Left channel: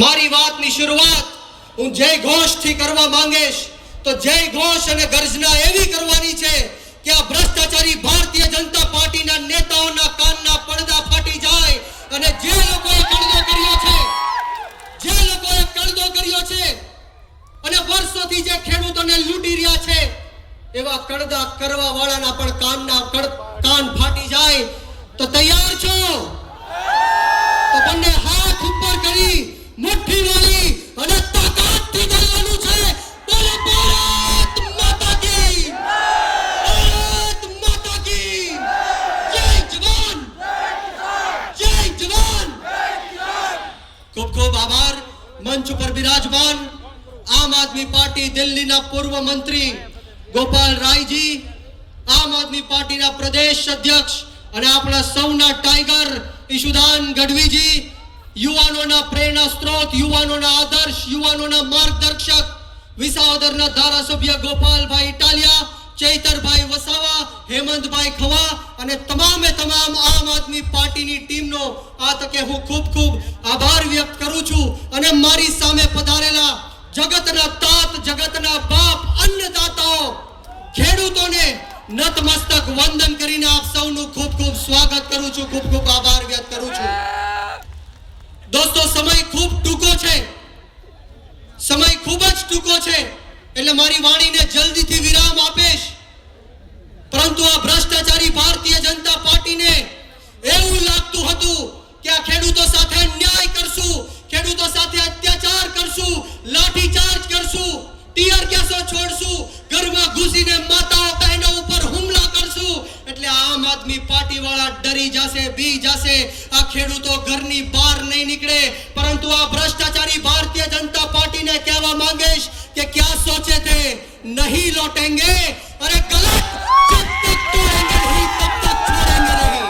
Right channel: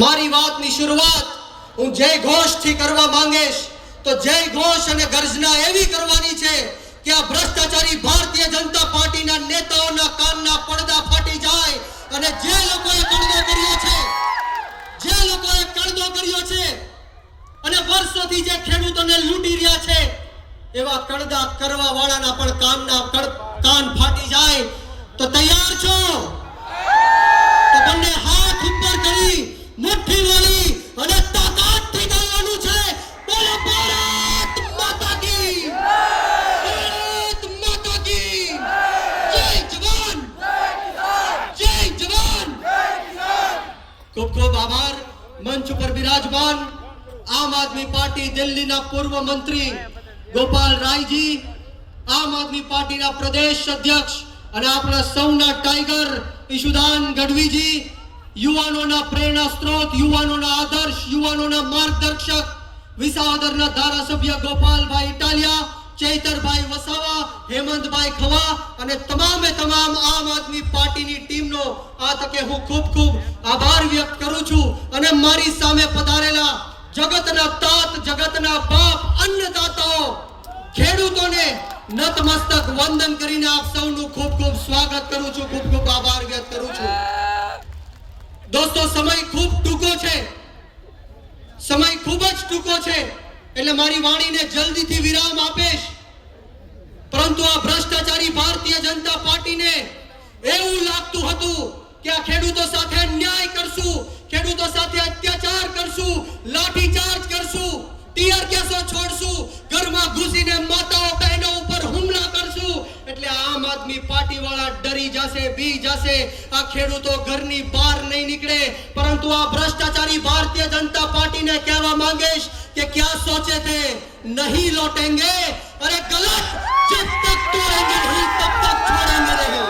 મારી વાતની શરૂઆત હું જય ઘોષથી કરવા માંગીશ. તો જય ઘોષ અને ગર્જના એવી કરવાની છે કે આ ભ્રષ્ટાચારી ભારતીય જનતા પાર્ટીના નેતાઓના કાનના પડદા ફાટી જાય અને જે લોકોએ કડદો કર્યો છે, જે લોકોએ કડદો કર્યો છે અને વર્ષોથી જે ખેડૂતોને લૂંટી રહ્યા છે, એવા કડદા કરવા વાળાના પણ કાનના ખૂબ ખૂબ આભાર. મંચ ઉપર બિરાજમાન આમ આદમી પાર્ટી દિલ્હીના પૂર્વ મંત્રી ગોપાલ રાયજી, આમ આદમી પાર્ટીના પ્રદેશ અધ્યક્ષ અને આપણા સૌના ટાઈગર ઈશુદાન ગઢવીજી, યુવાનોના પ્રેરણા સ્ત્રોત, યુવાનોના આદર્શ, યુવાનોના માર્ગદર્શક, વિસાવદરના ધારાસભ્ય ગોપાલભાઈ ઇટાલિયા ચૈતરભાઈ વસાવા, હેમંતભાઈ ખવા અને તમામે તમામ આમ આદમી પાર્ટીની ટીમનો આ તકે હું ખૂબ ખૂબ આભાર વ્યક્ત કરું છું અને મારી સામે પધારેલા જગતના તાત, જગતના બાપ, અન્નદાતાઓ, ખેડૂતોને નતમસ્તક વંદન કરીને આપ સૌનું ખૂબ ખૂબ સ્વાગત કરું છું, ખૂબ ખૂબ આભાર વ્યક્ત કરું છું. દોસ્તો, સમય ખૂબ ટૂંકો છે. સમય ખૂબ જ ટૂંકો છે. એટલે મારી વાણીને જલ્દીથી વિરામ આપીશ. પરંતુ આ ભ્રષ્ટાચારી ભારતીય જનતા પાર્ટીને એવું લાગતું હતું કે આ ખેડૂતો સાથે ન્યાય કરશું, ખેડૂતો સાથે અત્યાચાર કરશું, લાઠીચાર્જ કરશું, ટીયર કેસો છોડશું, ઘરમાં ઘૂસીને માતાઓ બહેનો ઉપર હુમલા કરશું. એટલે આમ આદમી પાર્ટી વાળા ડરી જશે, બી જશે. આ ખેડૂતો ઘરની બહાર નહીં નીકળે. પરંતુ આ ભ્રષ્ટાચારી ભારતીય જનતા પાર્ટીને કહેવા માંગીશ કે ક્યાં સોચે थे नहीं लौटेंगे अरे गलत जब तक तोड़ेंगे नहीं तब तक छोड़ेंगे नहीं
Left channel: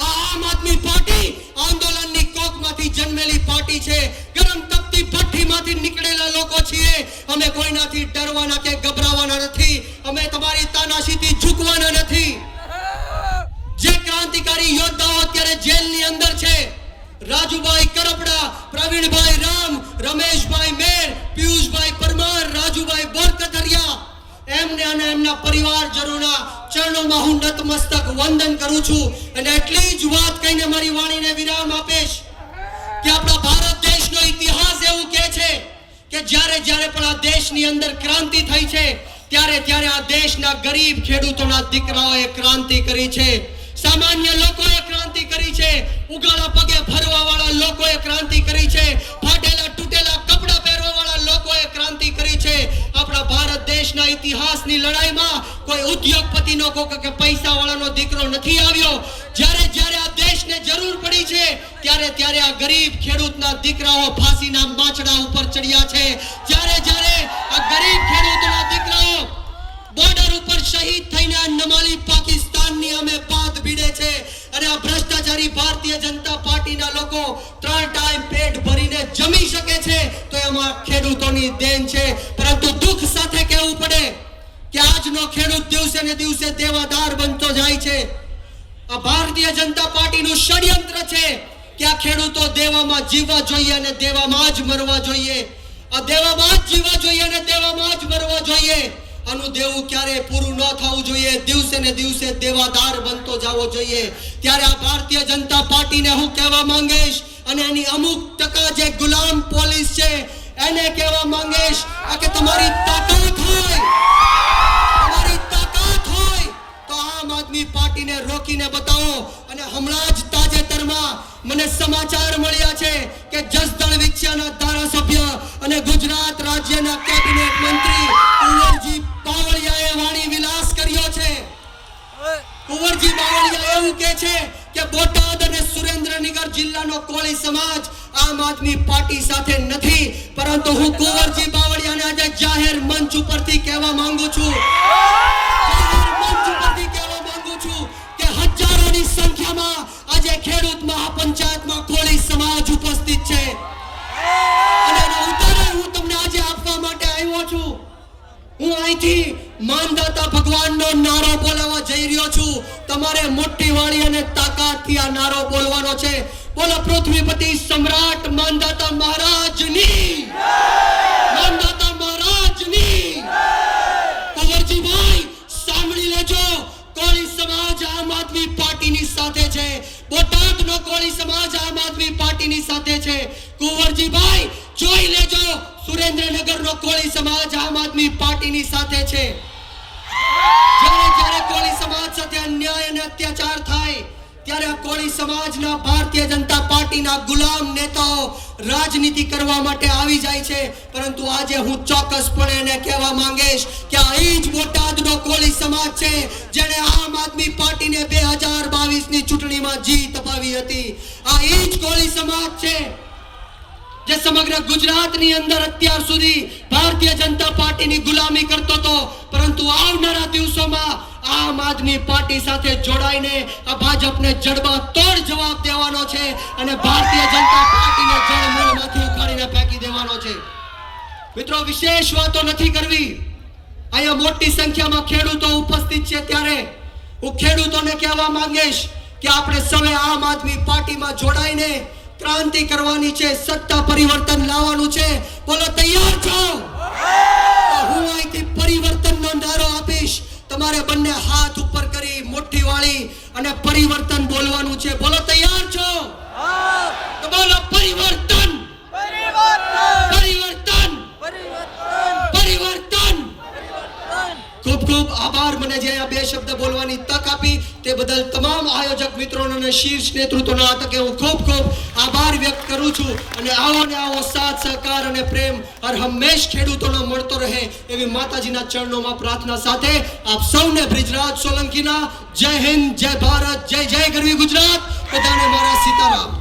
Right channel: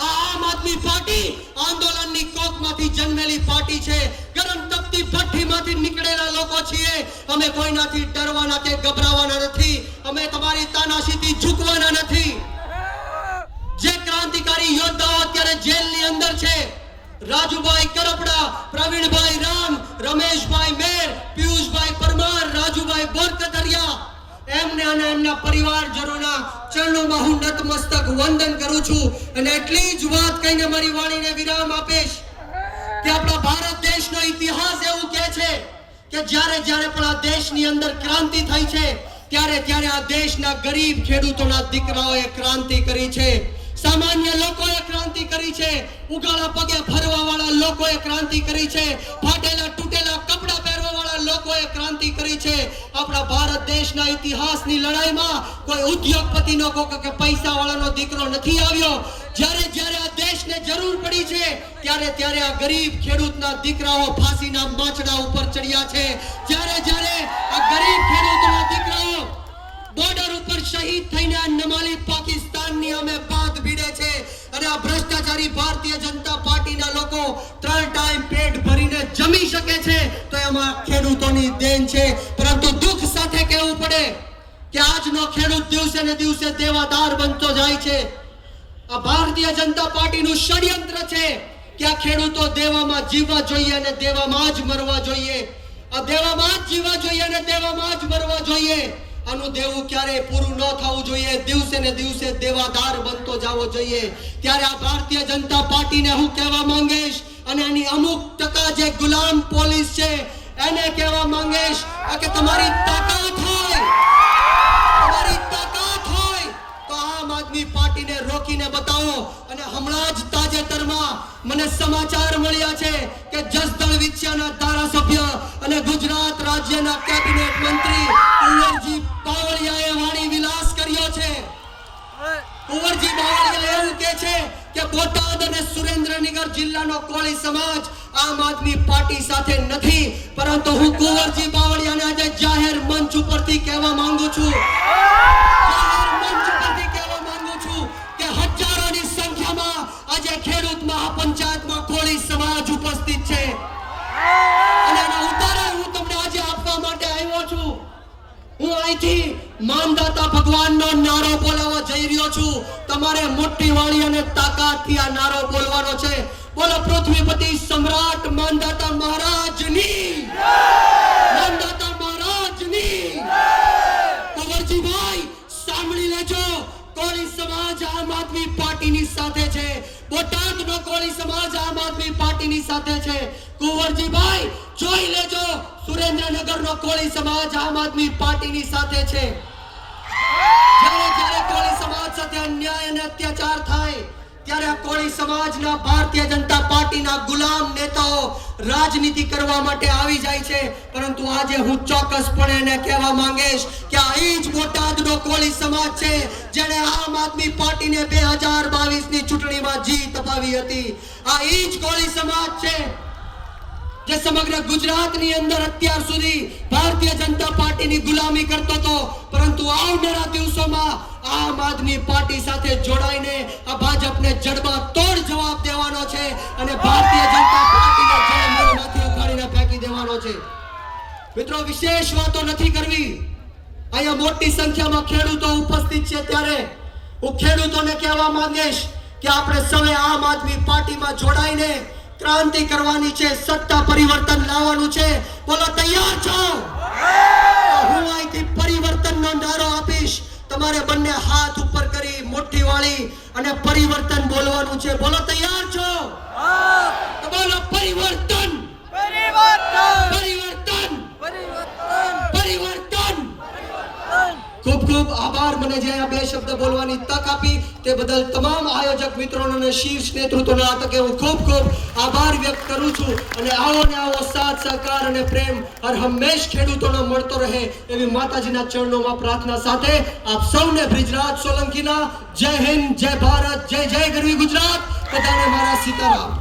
આ આમ આદમી પાર્ટી આંદોલનની કોકમાંથી જન્મેલી પાર્ટી છે ગરમ તપતી ભઠ્ઠીમાંથી નીકળેલા લોકો છીએ અમે કોઈનાથી ડરવાના કે ગભરાવાના નથી અમે તમારી તાનાશીથી ઝૂકવાના નથી પરિવારજનોના ચરણોમાં હું નતમસ્તક વંદન કરું છું અને એટલી જ વાત કહીને મારી વાણીને વિરામ આપીશ કે આપણા ભારત દેશનો ઇતિહાસ એવું કહે છે કે જ્યારે જ્યારે પણ આ દેશની અંદર ક્રાંતિ થઈ છે, ત્યારે ત્યારે આ દેશના ગરીબ ખેડૂતોના દીકરાઓએ ક્રાંતિ કરી છે. સામાન્ય લોકોએ ક્રાંતિ કરી છે. ઉગાડા પગે ફરવા વાળા લોકોએ ક્રાંતિ કરી છે. ફાટેલા ક્રાંતિ કરી છે. આપણા ભારત દેશના ઇતિહાસની લડાઈમાં કોઈ ઉદ્યોગપતિનો કે પૈસા વાળાનો દીકરો નથી આવ્યો. જ્યારે જ્યારે આ દેશને જરૂર પડી છે, ત્યારે ત્યારે આ ગરીબ ખેડૂતના દીકરાઓ ફાંસીના માચડા ઉપર ચડ્યા છે. જ્યારે જ્યારે આ ગરીબ ખેડૂતના દીકરાઓ બોર્ડર ઉપર શહીદ થઈને નમાલી પાકિસ્તાનની અમે પાત ભીડે છે. અને આ ભ્રષ્ટાચારી ભારતીય જનતા પાર્ટીના લોકો ત્રણ એમાં ખેડૂતોની દેન છે. પરંતુ દુઃખ સાથે કહેવું પડે કે આજનો ખેડૂત દિવસે ને દિવસે દેવાદાર બનતો જાય છે. આ ભારતીય જનતા પાર્ટીનું ષડયંત્ર છે કે આ ખેડૂતો દેવામાં જીવવા જોઈએ અને દેવામાં જ મરવા જોઈએ. આ દેવામાં જ જીવવા જોઈએ અને દેવામાં જ મરવા જોઈએ. આનું દેવું ક્યારે પૂરું ન થવું જોઈએ. દિવસે ને દિવસે દેવાદાર બનતો જવો જોઈએ. ત્યારે આ ભારતીય જનતા પાર્ટીને હું કહેવા માંગીશ અને એની અમુક ટકા જે ગુલામ પોલીસ છે એને કહેવા માંગીશ કે તમારી તાકાત હોય. તમારી તાકાત હોય તો આમ આદમી પાર્ટીને રોકીને બતાવો. અને હમણાં જ તાજેતરમાં મને સમાચાર મળ્યા છે કે જસદણ વિક્ષાના ધારાસભ્ય અને ગુજરાત રાજ્યના કેબિનેટ મંત્રી કુંવરજી બાવળિયાએ વાણી વિલાસ કર્યો છે. કુંવરજી બાવળિયા એવું કહે છે કે બોટાદ અને સુરેન્દ્રનગર જિલ્લાનો કોળી સમાજ આમ આદમી પાર્ટી સાથે નથી, પરંતુ હું કુંવરજી બાવળિયાને આજે જાહેર મંચ ઉપરથી કહેવા માંગુ છું. કોળી સમાજ ઉપસ્થિત છે. અને હું તમને આજે આપવા માટે આવ્યો છું. હું અહીંથી માનદાતા ભગવાનનો નારો બોલાવવા જઈ રહ્યો છું. તમારે કુંવરજીભાઈ, જોઈ લેજો, સુરેન્દ્રનગરનો કોળી સમાજ આમ આદમી પાર્ટીની સાથે છે. જ્યારે જ્યારે કોળી સમાજ સાથે અન્યાય અને અત્યાચાર થાય ત્યારે આ કોળી સમાજના ભારતીય જનતા પાર્ટીના ગુલામ નેતાઓ રાજનીતિ કરવા માટે આવી જાય છે. પરંતુ આજે હું ચોક્કસપણે એને કહેવા માંગીશ કે આ જ બોટાદનો કોળી સમાજ છે જેણે આમ આદમી પાર્ટીને બે હજાર બાવીસની ચૂંટણીમાં જીત અપાવી હતી. આ એ જ કોળી સમાજ છે જે સમગ્ર ગુજરાતની અંદર અત્યાર સુધી ભારતીય જનતા પાર્ટીની ગુલામી કરતો હતો. પરંતુ આવનારા દિવસોમાં આમ આદમી પાર્ટી સાથે જોડાઈને આ ભાજપને જડબા તોડ જવાબ દેવાનો છે અને ભારતીય જનતા પાર્ટીને જળમૂળમાંથી ઉખાડીને ફેંકી દેવાનો છે. મિત્રો વિશેષ વાતો નથી કરવી. અહીંયા મોટી સંખ્યામાં ખેડૂતો ઉપસ્થિત છે ત્યારે હું ખેડૂતોને કહેવા માંગીશ કે આપણે સૌએ આમ આદમી પાર્ટીમાં જોડાઈને ક્રાંતિ કરવાની છે સત્તા પરિવર્તન લાવવાનું છે. બોલો તૈયાર છો? હું બંને હાથ ઉપર કરી મોટી વાળી અને પરિવર્તન બોલવાનું છે. બોલો, તૈયાર છો? બોલો પરિવર્તન. પરિવર્તન. પરિવર્તન. પરિવર્તન ખૂબ ખૂબ આભાર. મને જે આ બે શબ્દ બોલવાની તક તે બદલ તમામ આયોજક મિત્રોને અને શીર્ષ નેતૃત્વના તકે હું ખૂબ ખૂબ આભાર વ્યક્ત કરું છું અને આવો ને આવો સાથ, સહકાર અને પ્રેમ હર હંમેશ ખેડૂતોનો મળતો રહે એવી માતાજીના ચરણોમાં પ્રાર્થના સાથે આપ સૌને બ્રિજરાજ સોલંકીના જય હિન્દ, જય ભારત, જય જય ગરવી ગુજરાત. બધાને મારા સીતારામ.